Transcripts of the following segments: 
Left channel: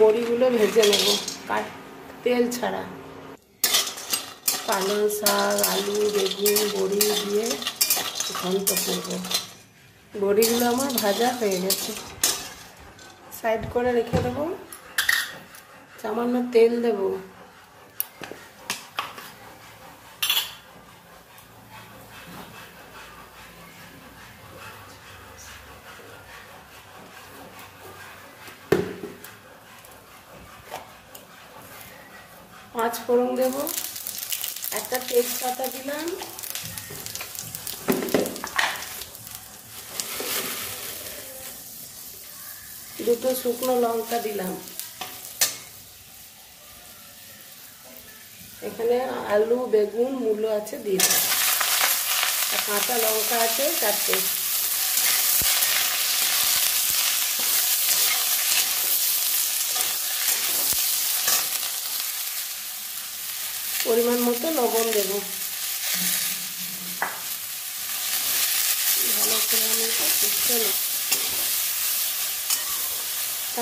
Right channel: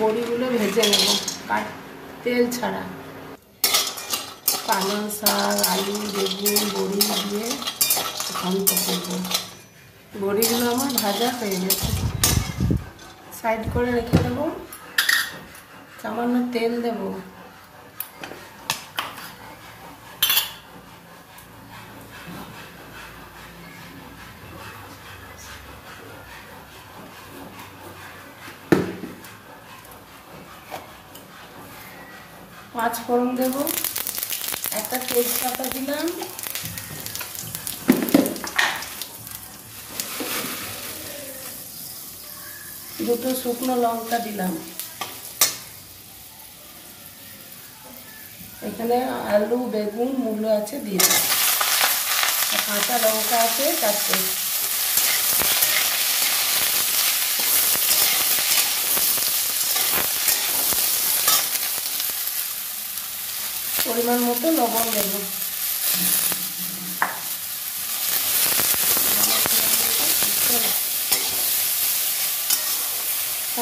বড়িগুলো ভেজে নেব তেল ছাড়া। পালং শাক, আলু, বেগুন, বড়ি দিয়ে ঘন্ট করব। বড়িগুলো আমার ভাজা হয়ে গেছে, সাইড করে রেখে দেবো। সামান্য তেল দেব। পাঁচ ফোড়ন দেব, একটা তেজপাতা দিলাম, দুটো শুকনো লঙ্কা দিলাম। এখানে আলু, বেগুন, মূলো আছে দিয়ে দিলাম, কাঁচা লঙ্কা আছে 4টে। পরিমাণ মতো লবণ দেব।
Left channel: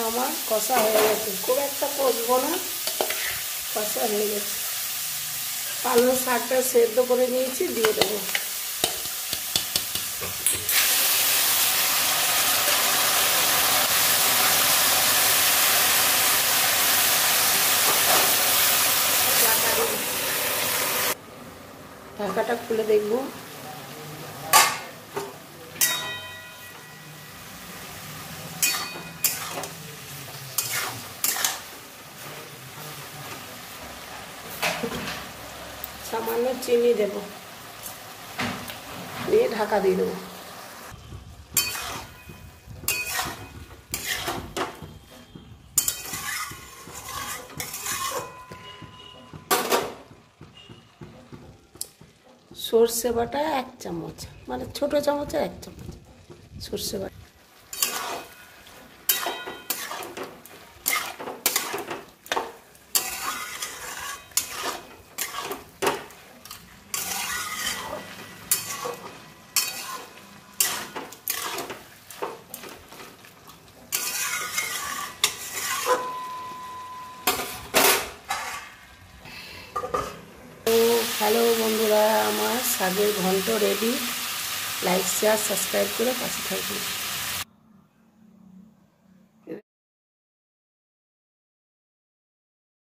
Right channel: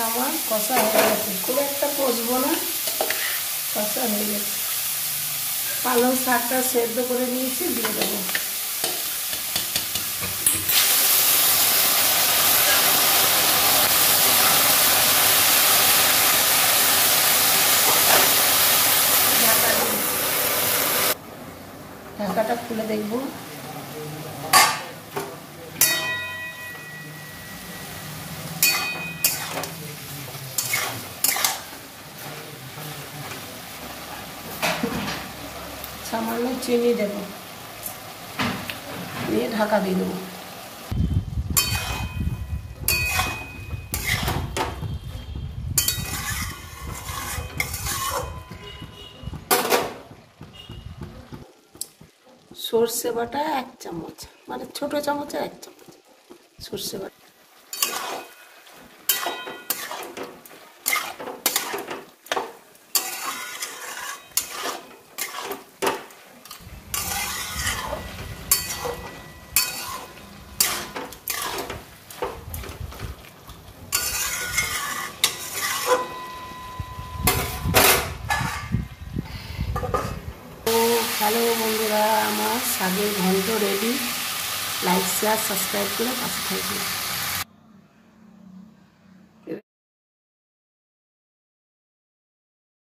আমার কষা হয়ে গেছে, খুব একটা কষবো না, কষা হয়ে গেছে। পালং শাকটা সেদ্ধ করে নিয়েছি, দিয়ে দেবো। ঢাকাটা খুলে দেখব। সামান্য চিনি দেব, দিয়ে ঢাকা দিয়ে দেবো। সর্ষে বাটা 1 চামচ, মানে ছোট চামচে 1 চামচ সর্ষে বাটা। হ্যালো বন্ধুরা, আমার শাকের ঘন্ট রেডি। লাইক, শেয়ার, সাবস্ক্রাইব করে পাশে থাকবেন।